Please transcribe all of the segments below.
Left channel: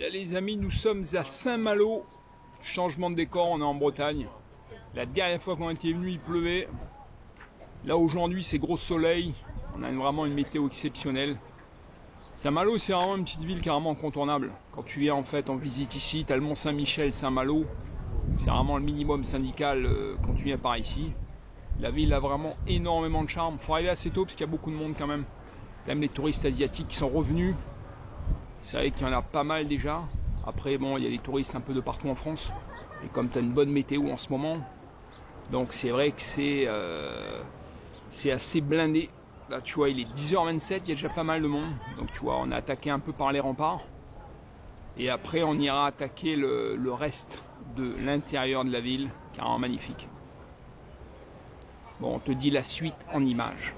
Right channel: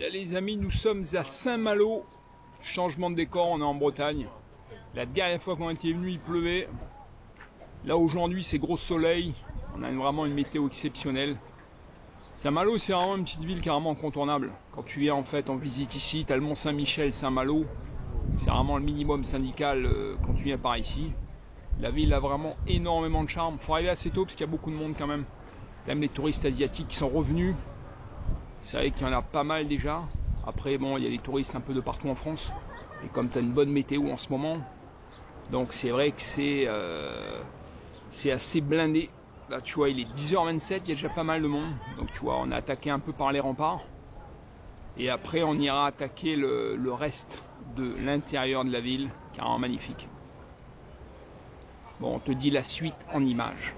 Là les amis, nous sommes à Saint-Malo. Changement de décor, on est en Bretagne. La dernière fois qu'on était venu, il pleuvait. Là aujourd'hui, c'est gros soleil. On a vraiment une météo exceptionnelle. Saint-Malo, c'est vraiment une petite ville carrément incontournable. Quand tu viens en fait en visite ici, tu as le Mont Saint-Michel, Saint-Malo. C'est vraiment le minimum syndical quand tu viens par ici. La ville a vraiment énormément de charme. Il faut arriver assez tôt parce qu'il y a beaucoup de monde quand même. Même les touristes asiatiques qui sont revenus. C'est vrai qu'il y en a pas mal déjà. Après, bon, il y a des touristes un peu de partout en France. Et comme tu as une bonne météo en ce moment, donc c'est vrai que c'est assez blindé. Là, tu vois, il est 10h27, il y a déjà pas mal de monde. Donc, tu vois, on a attaqué un peu par les remparts. Et après, on ira attaquer le reste de l'intérieur de la ville, carrément magnifique. Bon, on te dit la suite en images.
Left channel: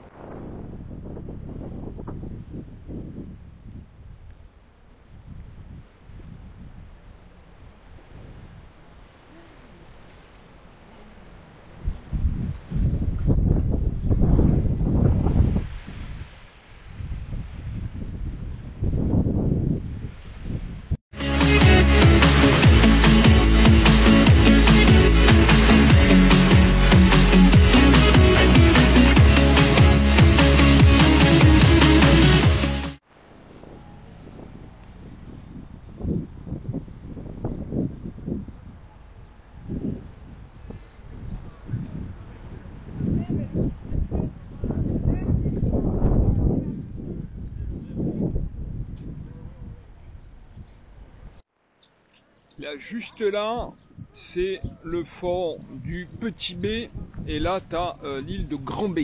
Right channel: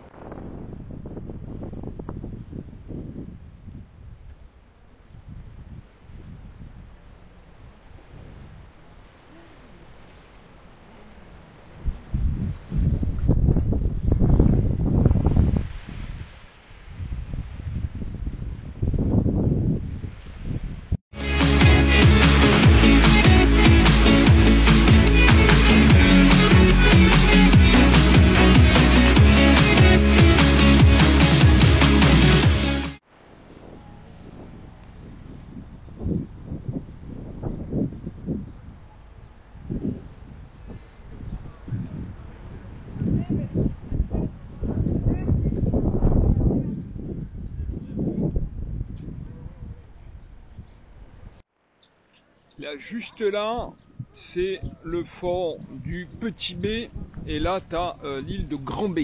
Là, juste là, c'est le fort du Petit B. Et là, tu as l'île de Grand B.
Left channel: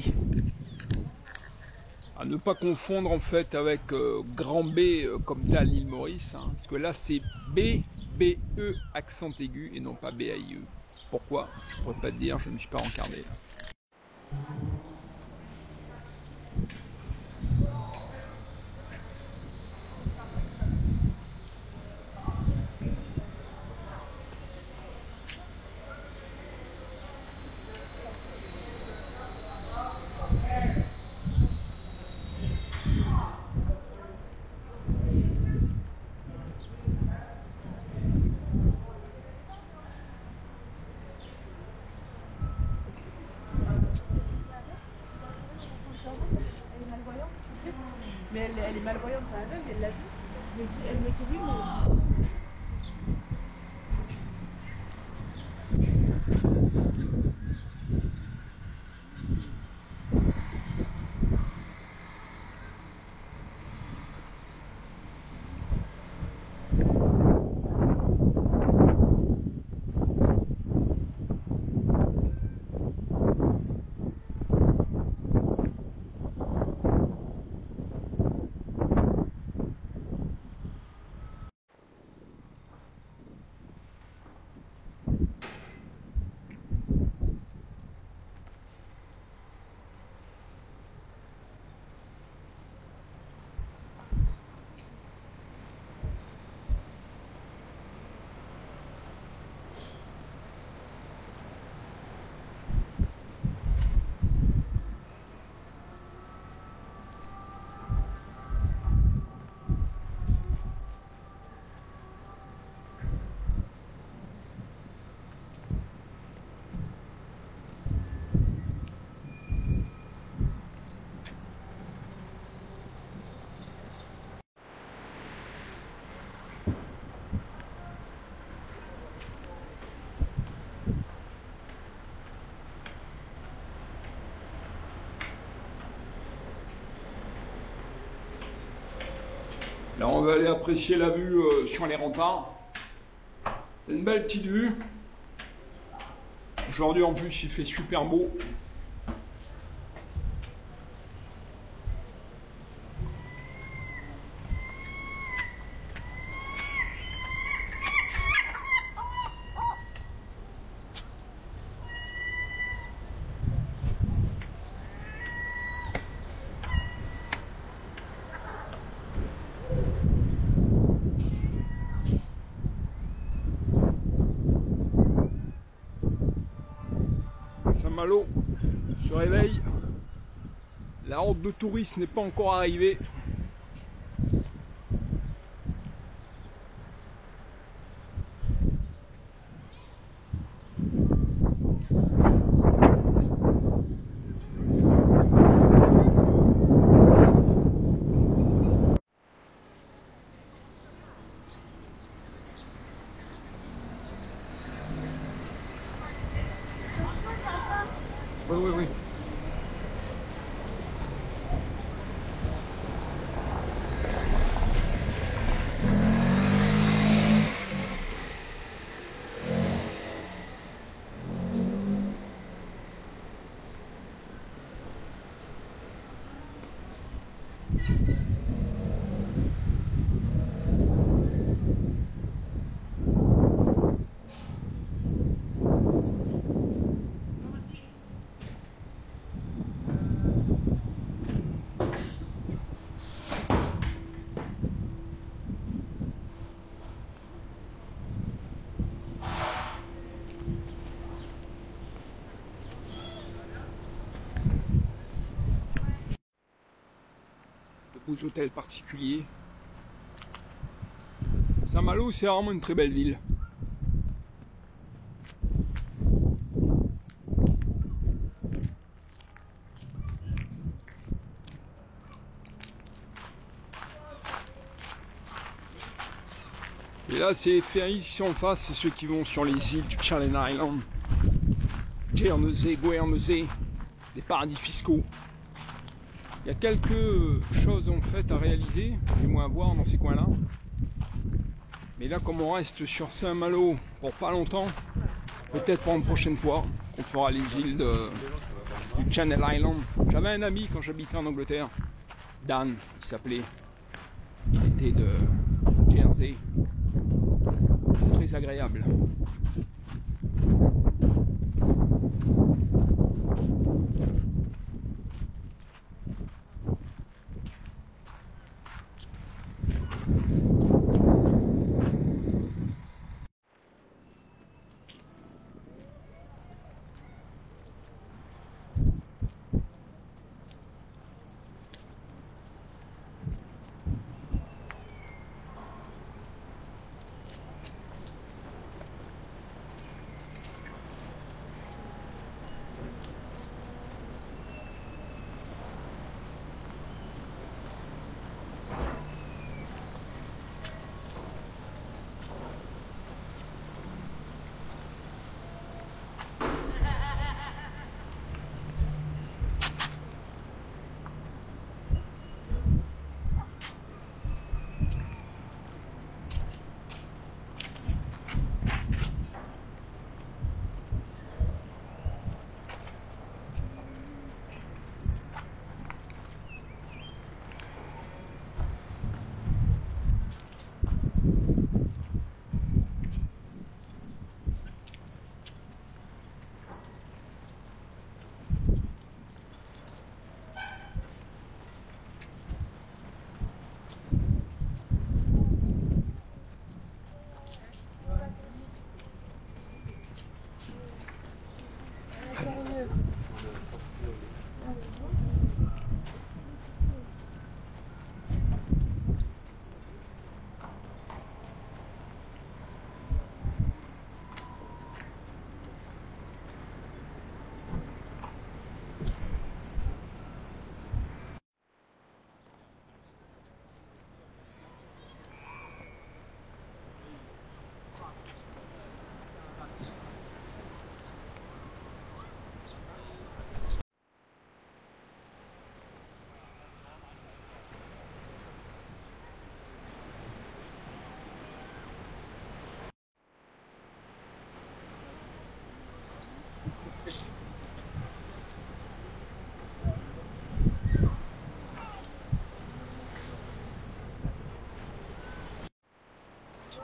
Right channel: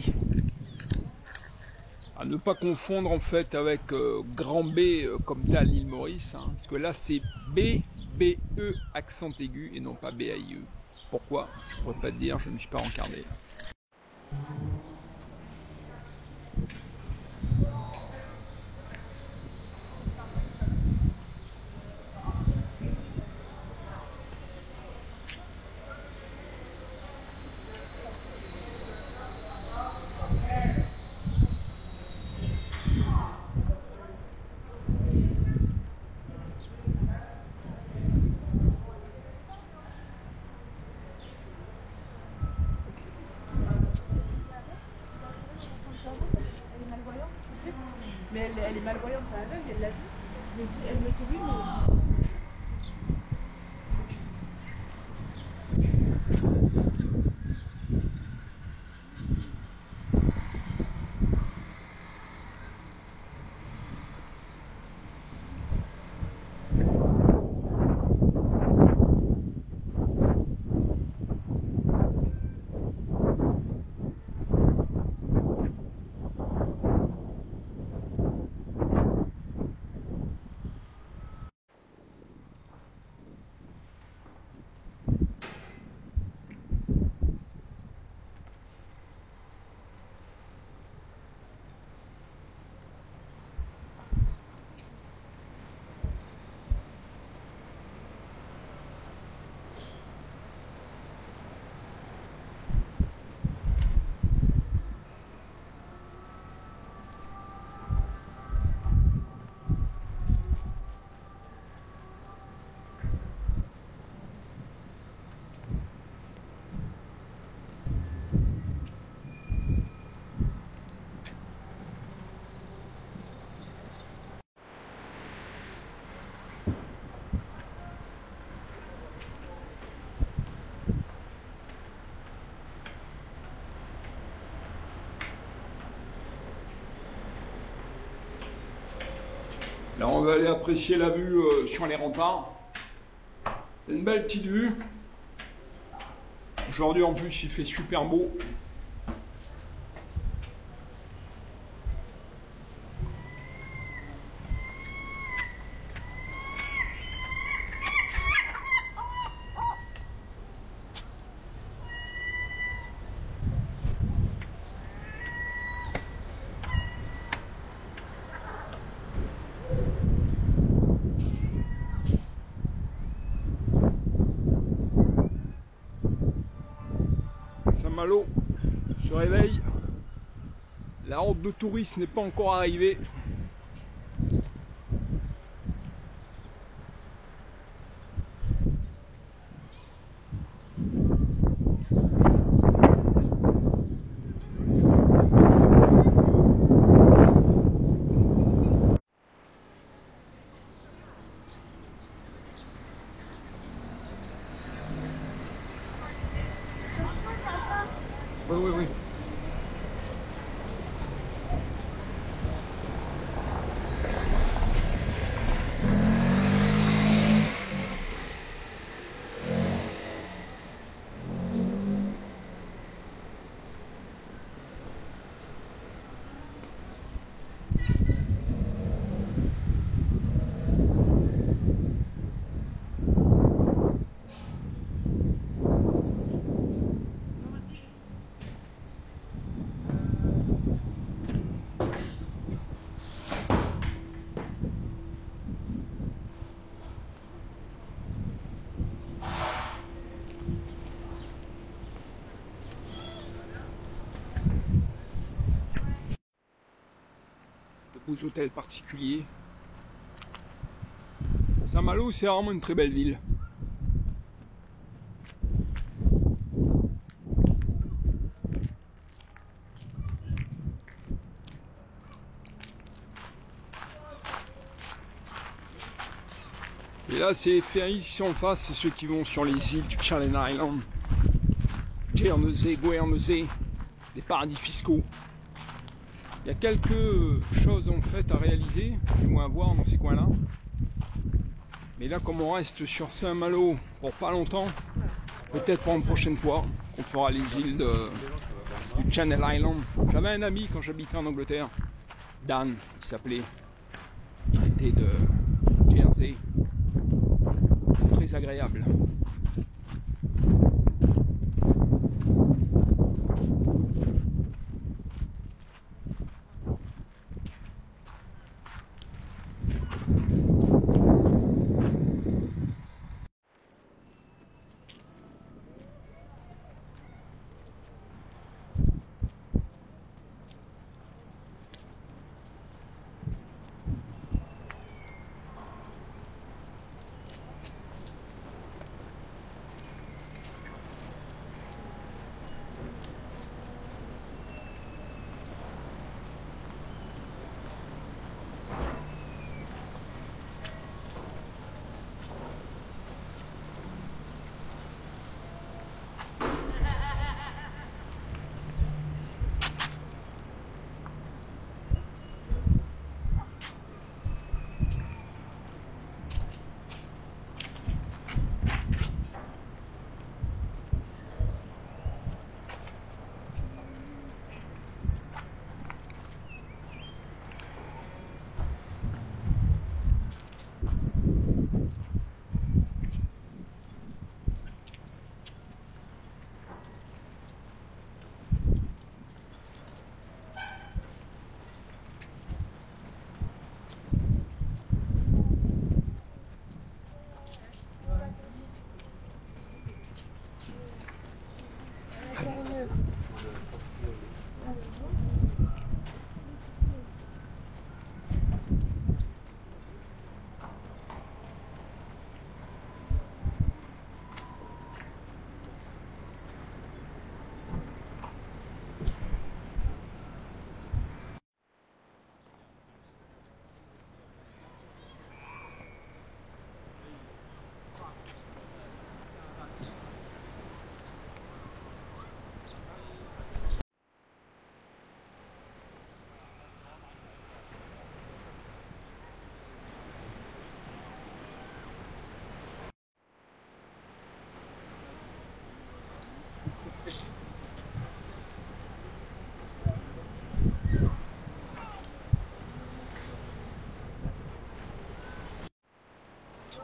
À ne pas confondre en fait avec Grand B comme tu as l'île Maurice. Hein, parce que là, c'est B, B-E, accent aigu et non pas B-A-I-E. Pourquoi? Je ne pourrais pas te dire, je ne me suis pas rencardé. Mais elle est malvoyante, pas aveugle, elle l'a vu. Mais elle me dit oui, mais... Là, on va aller apprécier la vue sur les remparts. C'est une belle petite vue. Aujourd'hui, en plus, il fait super beau. Saint-Malo se réveille. La horde de touristes n'est pas encore arrivée. Oui, oui, oui. De beaux hôtels particuliers. Saint-Malo, c'est vraiment une très belle ville. Et là, c'est les ferries ici en face, c'est ceux qui vont sur les îles du Channel Island, Guernesey, Guernesey, des paradis fiscaux. Il y a quelques choses en fait à réaliser, du moins à voir dans ces coins-là. Mais là, comme on reste sur Saint-Malo pour pas longtemps, peut-être pour une prochaine fois, on fera les îles du Channel Island. J'avais un ami quand j'habitais en Angleterre, Dan, il s'appelait. Il était de Jersey. Très agréable.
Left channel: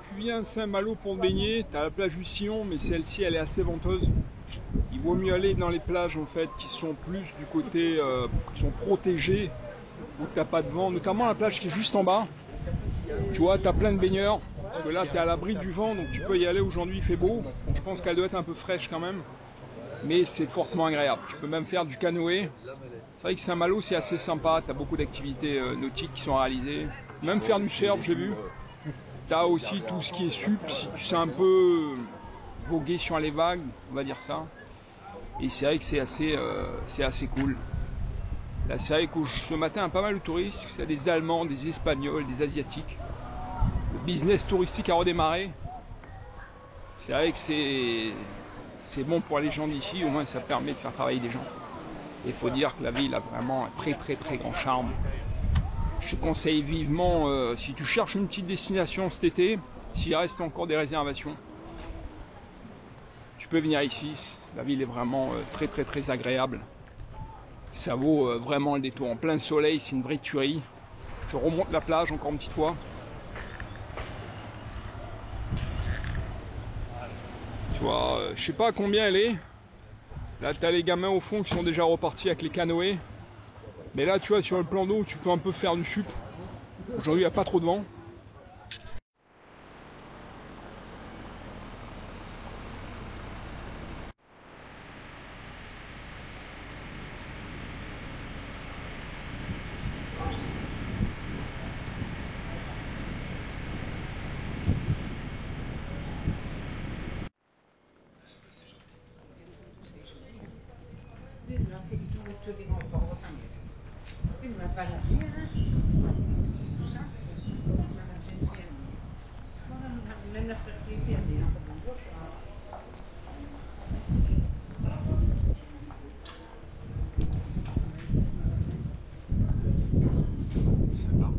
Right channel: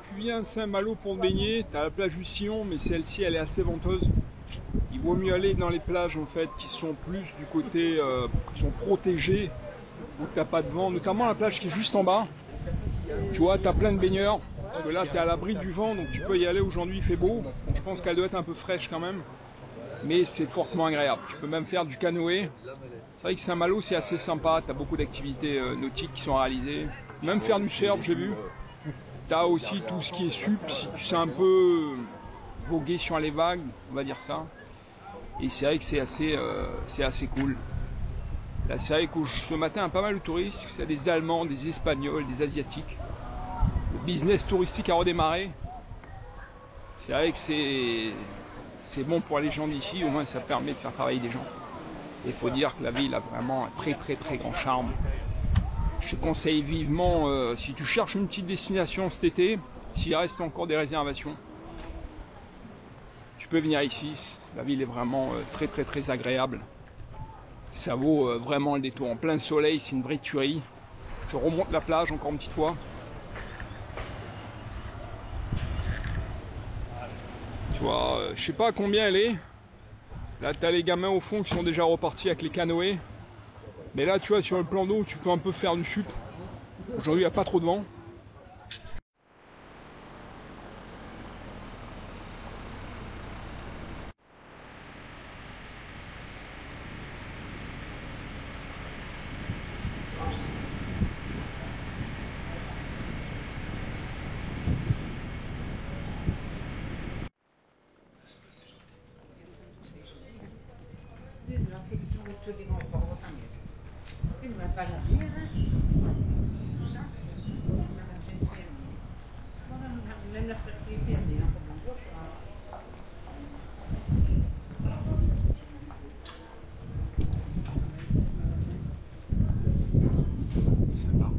Tu viens de Saint-Malo pour te baigner, tu as la plage du Sillon, mais celle-ci elle est assez venteuse. Il vaut mieux aller dans les plages en fait qui sont plus du côté, qui sont protégées, où tu n'as pas de vent, notamment la plage qui est juste en bas. Tu vois, tu as plein de baigneurs, parce que là tu es à l'abri du vent, donc tu peux y aller. Aujourd'hui il fait beau, donc je pense qu'elle doit être un peu fraîche quand même, mais c'est fortement agréable. Tu peux même faire du canoë. C'est vrai que Saint-Malo c'est assez sympa, tu as beaucoup d'activités nautiques qui sont réalisées, même faire du surf j'ai vu. Tu as aussi tout ce qui est sup, si tu sais un peu voguer sur les vagues, on va dire ça. Et c'est vrai que c'est assez cool. Là, c'est vrai que ce matin, il y a pas mal de touristes, c'est des Allemands, des Espagnols, des Asiatiques. Le business touristique a redémarré. C'est vrai que c'est bon pour les gens d'ici, au moins ça permet de faire travailler des gens. Et il faut dire que la ville a vraiment un très grand charme. Je te conseille vivement, si tu cherches une petite destination cet été, s'il reste encore des réservations, tu peux venir ici. La ville est vraiment très agréable. Ça vaut vraiment le détour. En plein soleil, c'est une vraie tuerie. Je remonte la plage encore une petite fois. Tu vois, je sais pas combien elle est. Là, tu as les gamins au fond qui sont déjà repartis avec les canoës. Mais là, tu vois, sur le plan d'eau, tu peux un peu faire du sup. Aujourd'hui, il n'y a pas trop de vent. Ça va.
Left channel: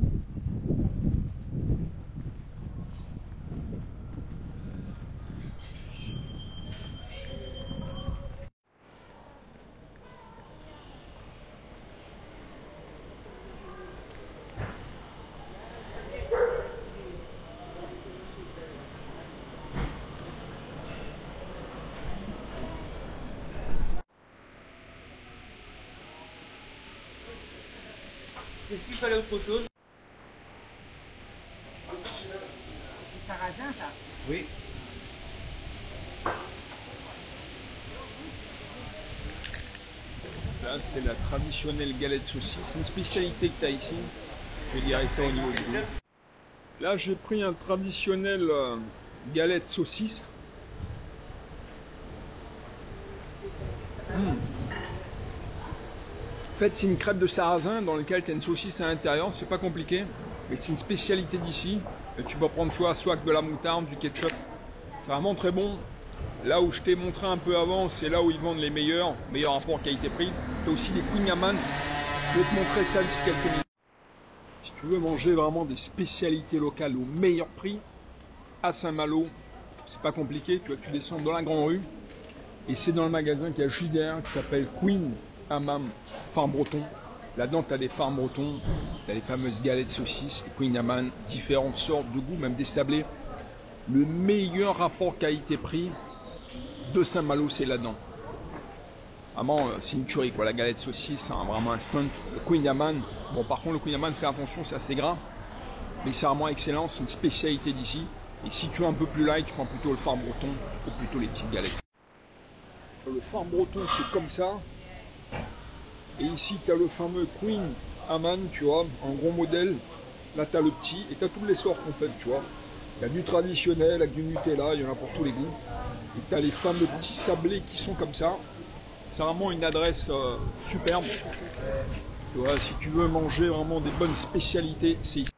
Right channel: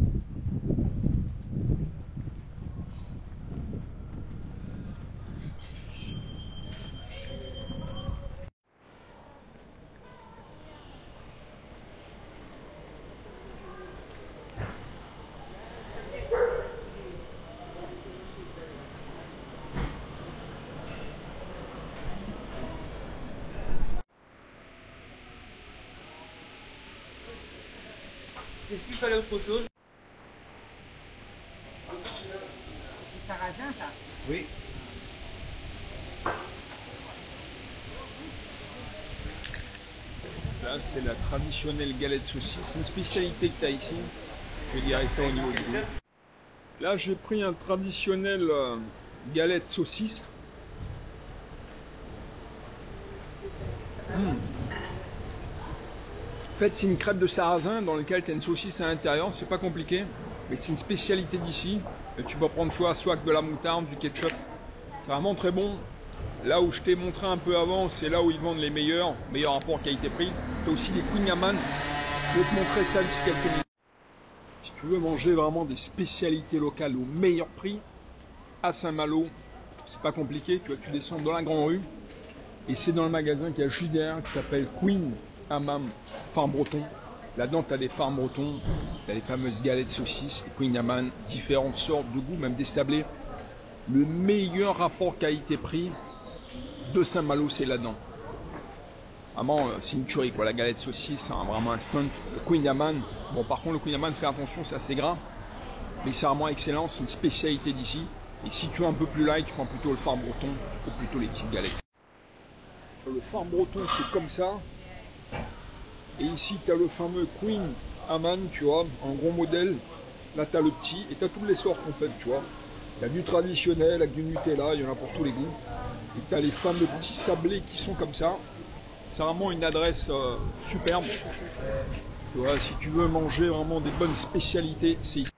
Est-ce qu'il fallait autre chose? C'est sarrasin, ça? Oui. Là, c'est la traditionnelle galette saucisse. C'est une spécialité que tu as ici. Je dirais ça au niveau du goût. Là, j'ai pris un traditionnel galette saucisse. En fait, c'est une crêpe de sarrasin dans laquelle tu as une saucisse à l'intérieur. C'est pas compliqué, mais c'est une spécialité d'ici. Tu peux prendre soit avec de la moutarde, du ketchup. C'est vraiment très bon. Là où je t'ai montré un peu avant, c'est là où ils vendent les meilleurs rapports qualité-prix. Tu as aussi des kouign-amann. Je vais te montrer ça d'ici quelques minutes. Si tu veux manger vraiment des spécialités locales au meilleur prix, à Saint-Malo, c'est pas compliqué. Tu vois, tu descends dans la grande rue et c'est dans le magasin qui a juste derrière qui s'appelle kouign-amann Farm Breton. Là-dedans, tu as des farms bretons, tu as les fameuses galettes saucisses, les kouign-amann, différentes sortes de goûts, même des sablés. Le meilleur rapport qualité-prix de Saint-Malo, c'est là-dedans. Vraiment, c'est une tuerie, quoi. La galette saucisse, c'est vraiment un stunt. Le kouign-amann, bon, par contre, le kouign-amann, fais attention, c'est assez gras, mais c'est vraiment excellent, c'est une spécialité d'ici. Et si tu es un peu plus light, tu prends plutôt le farm breton ou plutôt les petites galettes. Le farm breton, c'est comme ça. Et ici, tu as le fameux kouign-amann, tu vois, un gros modèle. Là, tu as le petit, et tu as toutes les sortes, en fait, tu vois. Il y a du traditionnel avec du Nutella, il y en a pour tous les goûts. Et tu as les fameux petits sablés qui sont comme ça. C'est vraiment une adresse superbe. Tu vois, si tu veux manger vraiment des bonnes spécialités, c'est ici.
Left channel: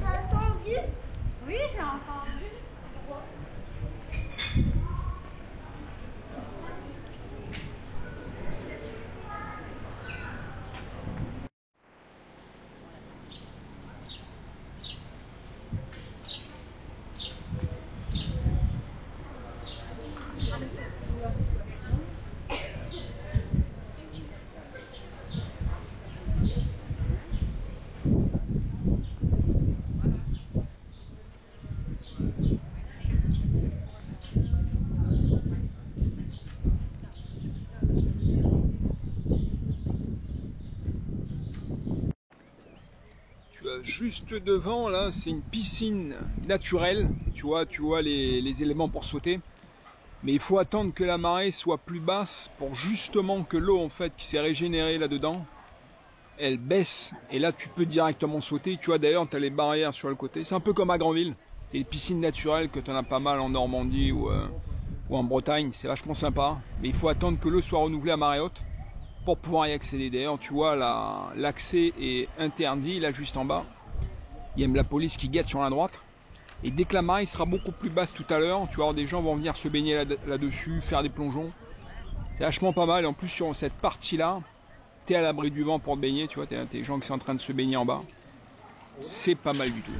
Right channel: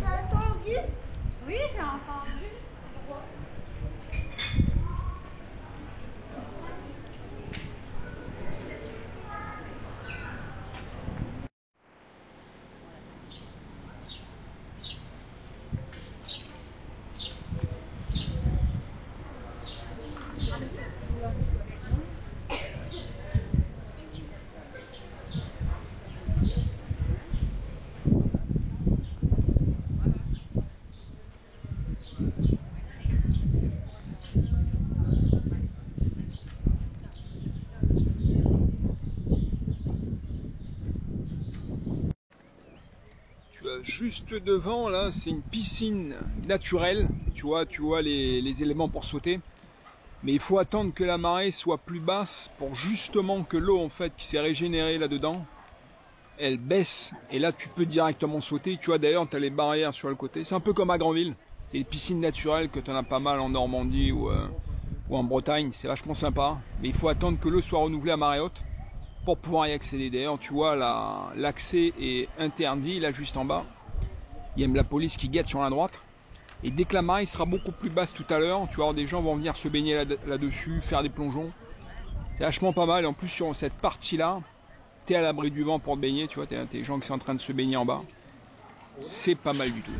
T'as entendu? Oui, j'ai entendu. Juste devant, là, c'est une piscine naturelle. Tu vois les éléments pour sauter. Mais il faut attendre que la marée soit plus basse pour justement que l'eau, en fait, qui s'est régénérée là-dedans, elle baisse et là tu peux directement sauter. Tu vois d'ailleurs tu as les barrières sur le côté. C'est un peu comme à Granville. C'est les piscines naturelles que tu en as pas mal en Normandie ou en Bretagne. C'est vachement sympa. Mais il faut attendre que l'eau soit renouvelée à marée haute pour pouvoir y accéder. D'ailleurs tu vois l'accès est interdit là juste en bas. Il y a même la police qui guette sur la droite. Et dès que la marée sera beaucoup plus basse tout à l'heure, tu vois, des gens vont venir se baigner là-dessus, faire des plongeons. C'est vachement pas mal. Et en plus, sur cette partie-là, tu es à l'abri du vent pour te baigner. Tu vois, tu as des gens qui sont en train de se baigner en bas. C'est pas mal du tout.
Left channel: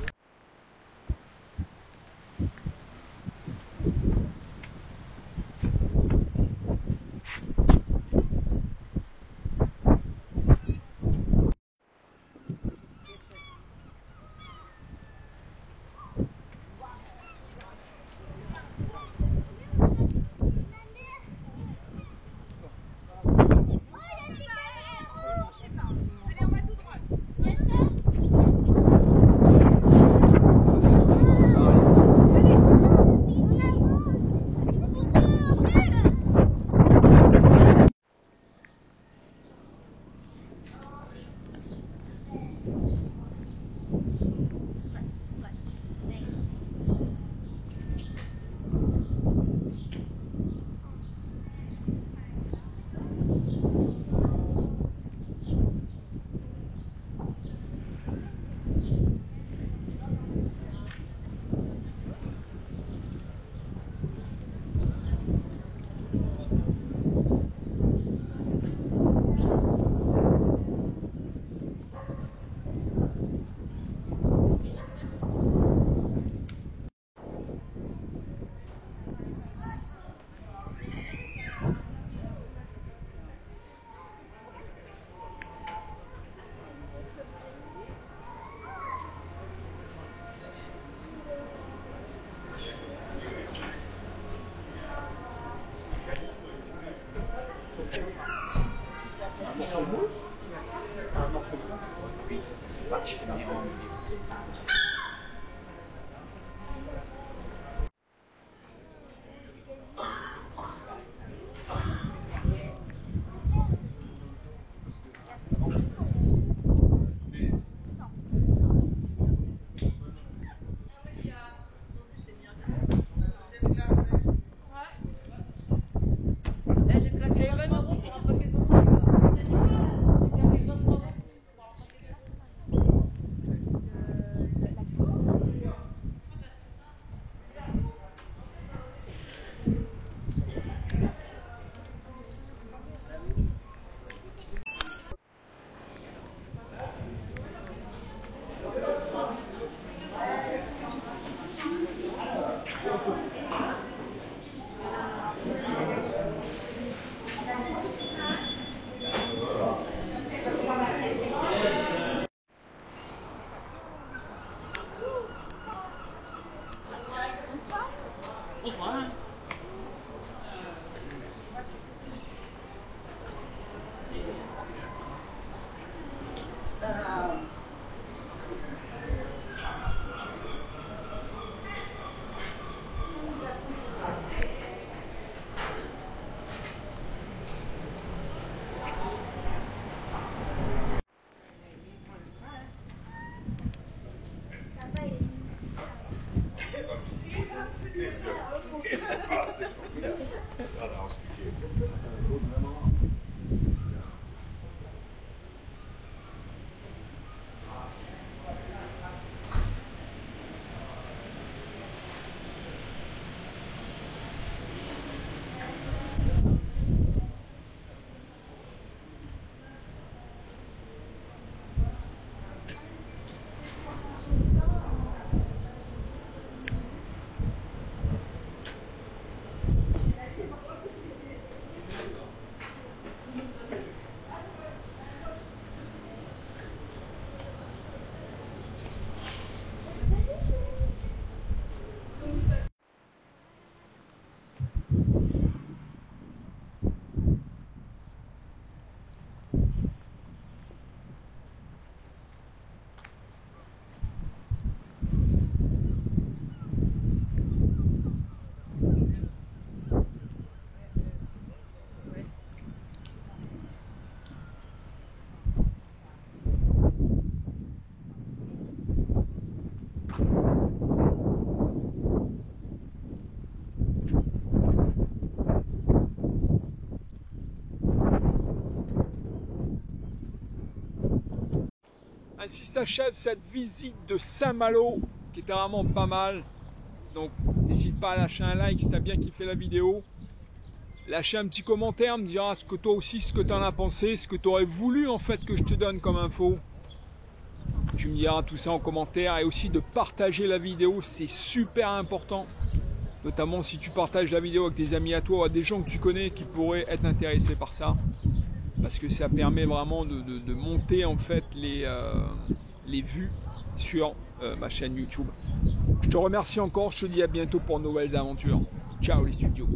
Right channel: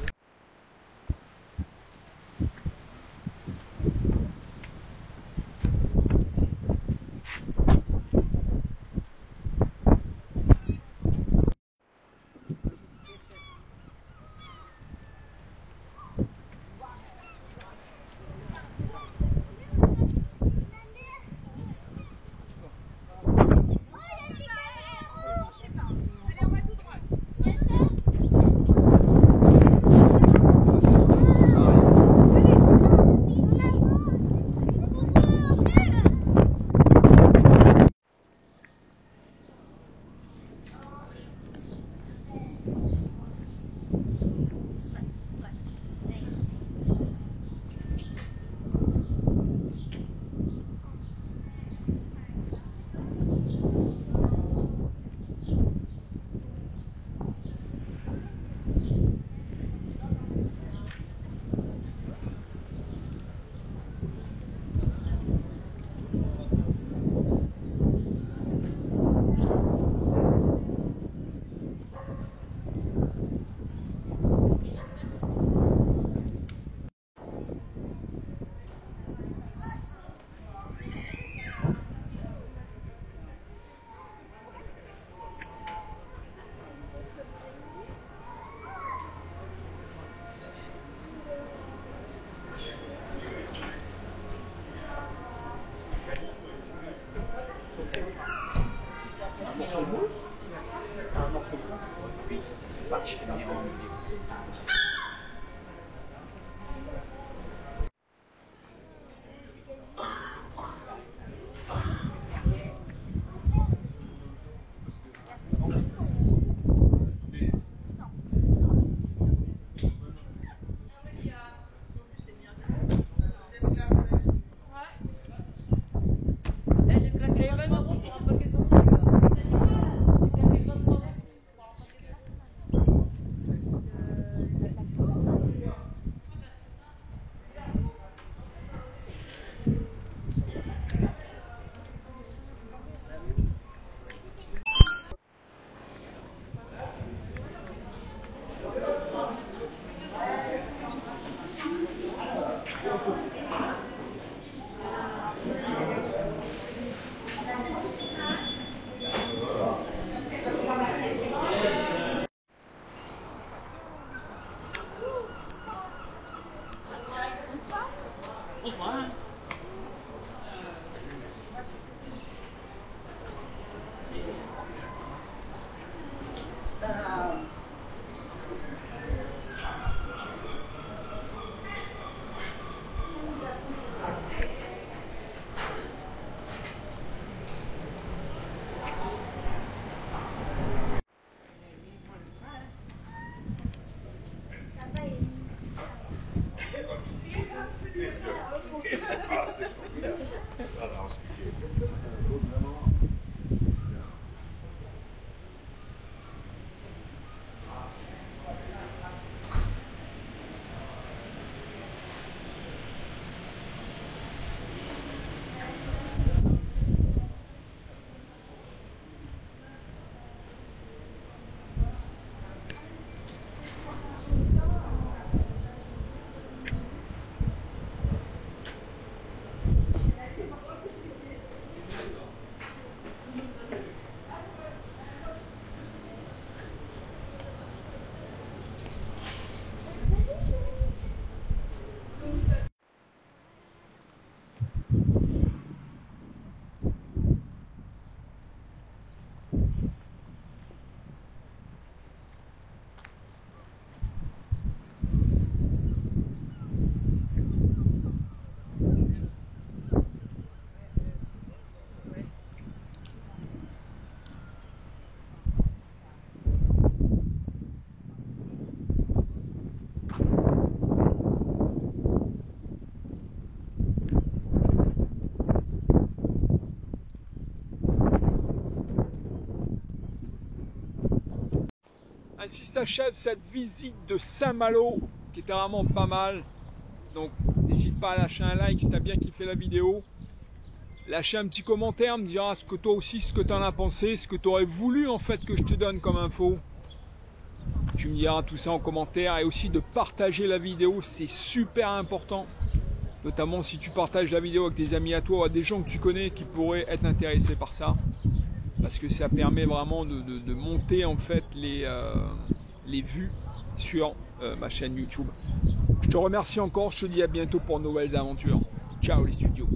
Ainsi s'achève cette visite de Saint-Malo qui était vraiment pas mal. Donc n'hésite pas à lâcher un like si tu as bien kiffé la vidéo. Lâcher un petit commentaire, me dira ce que toi aussi, ce que tu en as pensé, ce que tu aurais voulu en fait que je te donne comme info. Tu me diras tout ça en commentaire et aussi de partager la vidéo, c'est super important. Notamment si tu partages la vidéo avec des amis à toi ou à des gens que tu connais qui pourraient être intéressés par ça. Parce que ça permet vraiment de monter en fait les vues sur ma chaîne YouTube. Je te remercie encore, je te dis à bientôt pour de nouvelles aventures. Ciao les studios.